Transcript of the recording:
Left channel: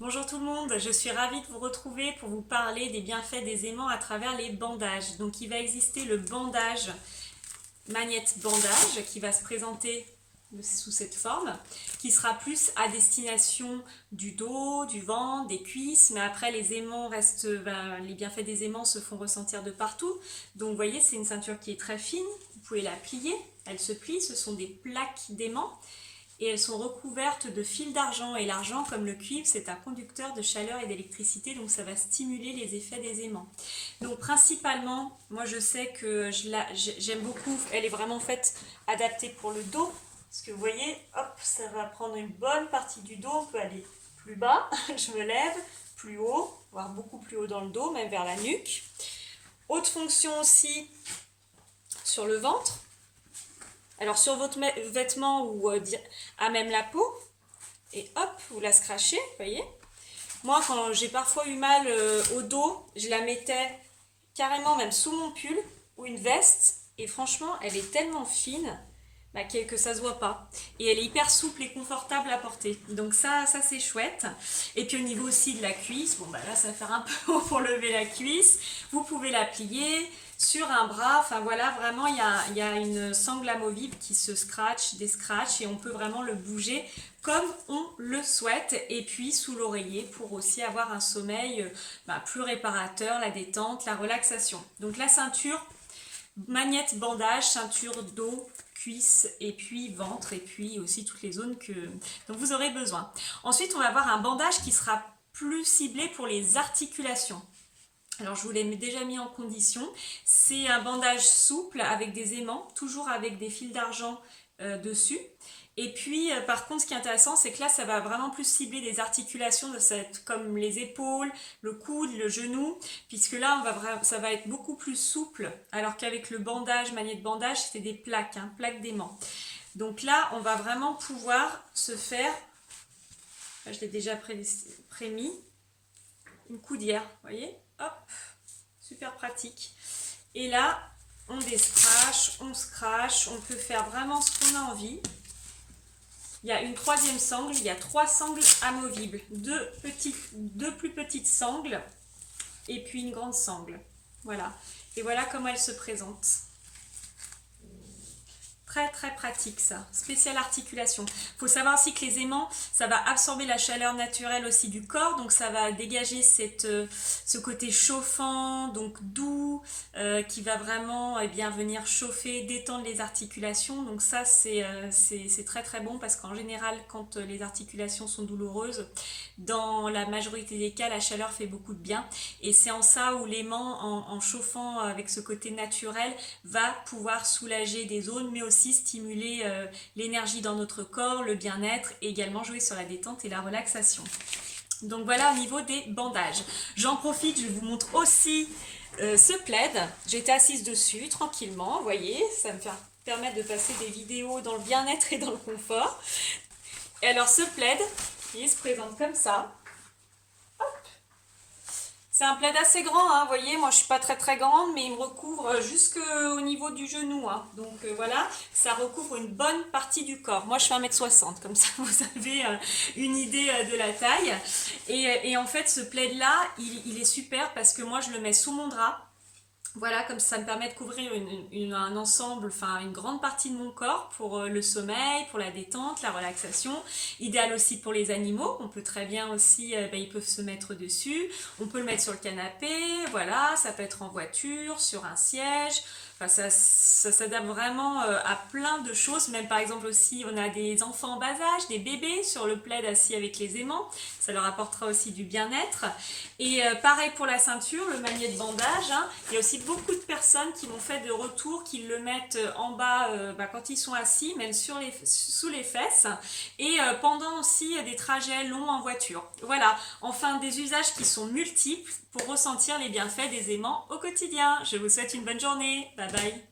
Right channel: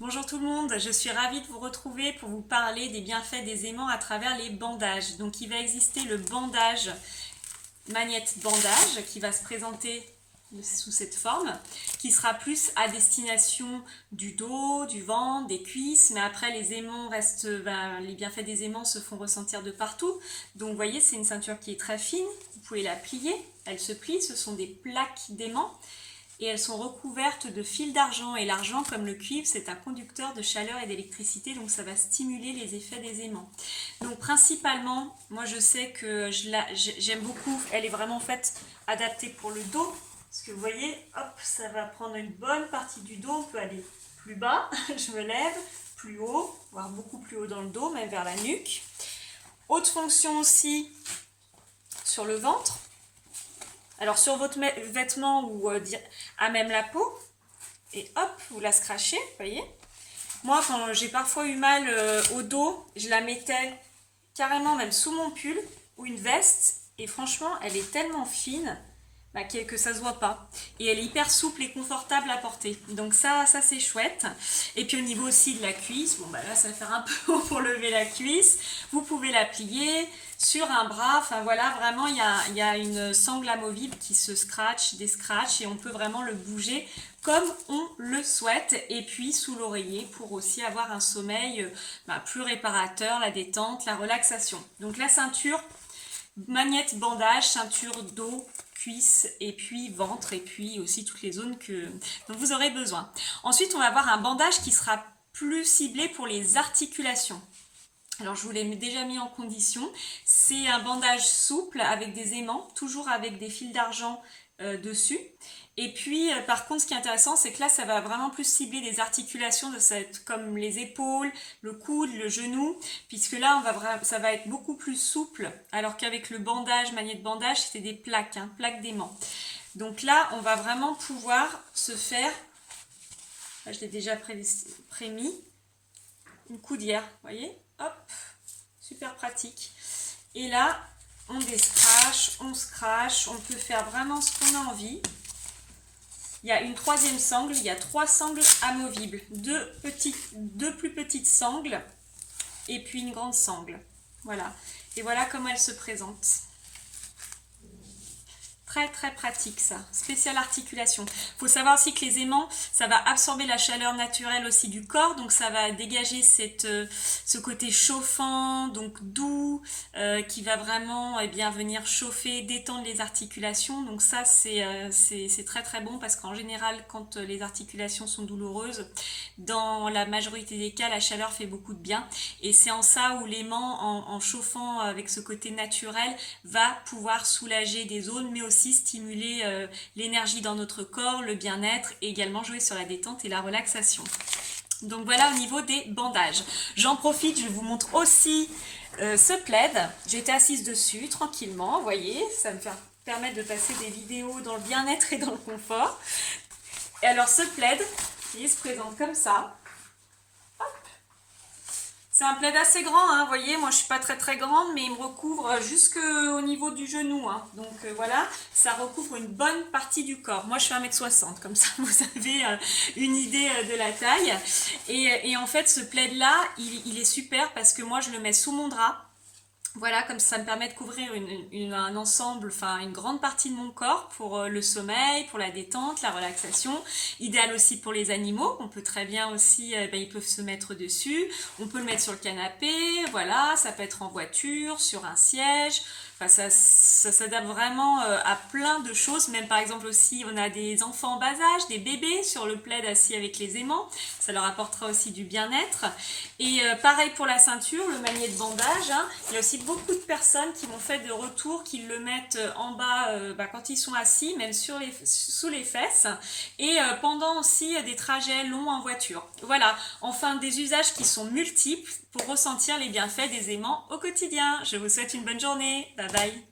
Bonjour tout le monde, je suis ravie de vous retrouver pour vous parler des bienfaits des aimants à travers les bandages. Donc il va exister le bandage, magnète bandage, qui va se présenter sous cette forme, qui sera plus à destination du dos, du ventre, des cuisses, mais après les aimants restent, les bienfaits des aimants se font ressentir de partout. Donc vous voyez, c'est une ceinture qui est très fine, vous pouvez la plier, elle se plie, ce sont des plaques d'aimants. Et elles sont recouvertes de fils d'argent. Et l'argent, comme le cuivre, c'est un conducteur de chaleur et d'électricité, donc ça va stimuler les effets des aimants. Donc principalement, moi je sais que j'aime beaucoup, elle est vraiment faite, adaptée pour le dos, parce que vous voyez, hop, ça va prendre une bonne partie du dos, on peut aller plus bas, je me lève, plus haut, voire beaucoup plus haut dans le dos, même vers la nuque. Haute fonction aussi sur le ventre. Alors sur votre vêtement ou à même la peau, et hop, vous la scratchez, vous voyez. Moi, quand j'ai parfois eu mal au dos, je la mettais carrément même sous mon pull ou une veste, et franchement, elle est tellement fine que ça se voit pas. Et elle est hyper souple et confortable à porter. Donc ça c'est chouette. Et puis au niveau aussi de la cuisse, bon là ça va faire un peu haut pour lever la cuisse. Vous pouvez la plier sur un bras. Enfin voilà, vraiment il y a une sangle amovible qui se scratch, et on peut vraiment le bouger comme on le souhaite. Et puis sous l'oreiller pour aussi avoir un sommeil plus réparateur, la détente, la relaxation. Donc la ceinture, magnète bandage, ceinture dos, cuisse et puis ventre et puis aussi toutes les zones dont vous aurez besoin. Ensuite, on va avoir un bandage qui sera plus ciblé pour les articulations. Alors je vous l'ai déjà mis en condition. C'est un bandage souple avec des aimants, toujours avec des fils d'argent dessus. Et puis par contre ce qui est intéressant, c'est que là ça va vraiment plus cibler des articulations comme les épaules, le coude, le genou, puisque là ça va être beaucoup plus souple, alors qu'avec le bandage, magnète bandage, c'était des plaques, plaques d'aimants. Donc là on va vraiment pouvoir se faire, là, je l'ai déjà prémis, une coudière, vous voyez, hop, super pratique. Et là on descrache, on scratch, on peut faire vraiment ce qu'on a envie. Il y a une troisième sangle, il y a 3 sangles amovibles, deux plus petites sangles et puis une grande sangle. Voilà. Et voilà comment elle se présente. Très très pratique ça, spécial articulation. Il faut savoir aussi que les aimants, ça va absorber la chaleur naturelle aussi du corps, donc ça va dégager ce côté chauffant, donc doux, qui va vraiment venir chauffer, détendre les articulations. Donc ça c'est très très bon, parce qu'en général quand les articulations sont douloureuses, dans la majorité des cas, la chaleur fait beaucoup de bien. Et c'est en ça où l'aimant, en chauffant avec ce côté naturel, va pouvoir soulager des zones, mais aussi stimuler l'énergie dans notre corps, le bien-être, et également jouer sur la détente et la relaxation. Donc voilà au niveau des bandages. J'en profite, je vous montre aussi ce plaid. J'étais assise dessus tranquillement, vous voyez, ça me permet de passer des vidéos dans le bien-être et dans le confort. Et alors ce plaid, il se présente comme ça. C'est un plaid assez grand, vous voyez, moi je suis pas très très grande, mais il me recouvre jusqu'au niveau du genou. Donc voilà, ça recouvre une bonne partie du corps. Moi je fais 1m60, comme ça vous avez une idée de la taille. Et en fait ce plaid là, il est super parce que moi je le mets sous mon drap. Voilà, comme ça me permet de couvrir un ensemble, une grande partie de mon corps pour le sommeil, pour la détente, la relaxation. Idéal aussi pour les animaux, on peut très bien aussi, ils peuvent se mettre dessus. On peut le mettre sur le canapé, voilà, ça peut être en voiture, sur un siège. Ça s'adapte vraiment à plein de choses. Même par exemple aussi, on a des enfants en bas âge, des bébés sur le plaid assis avec les aimants. Ça leur apportera aussi du bien-être. Et pareil pour la ceinture, le magnète bandage. Il y a aussi beaucoup de personnes qui m'ont fait de retour, qui le mettent en bas quand ils sont assis, même sous les fesses. Et pendant aussi des trajets longs en voiture. Voilà, enfin des usages qui sont multiples pour ressentir les bienfaits des aimants au quotidien. Je vous souhaite une bonne journée. Bye bye.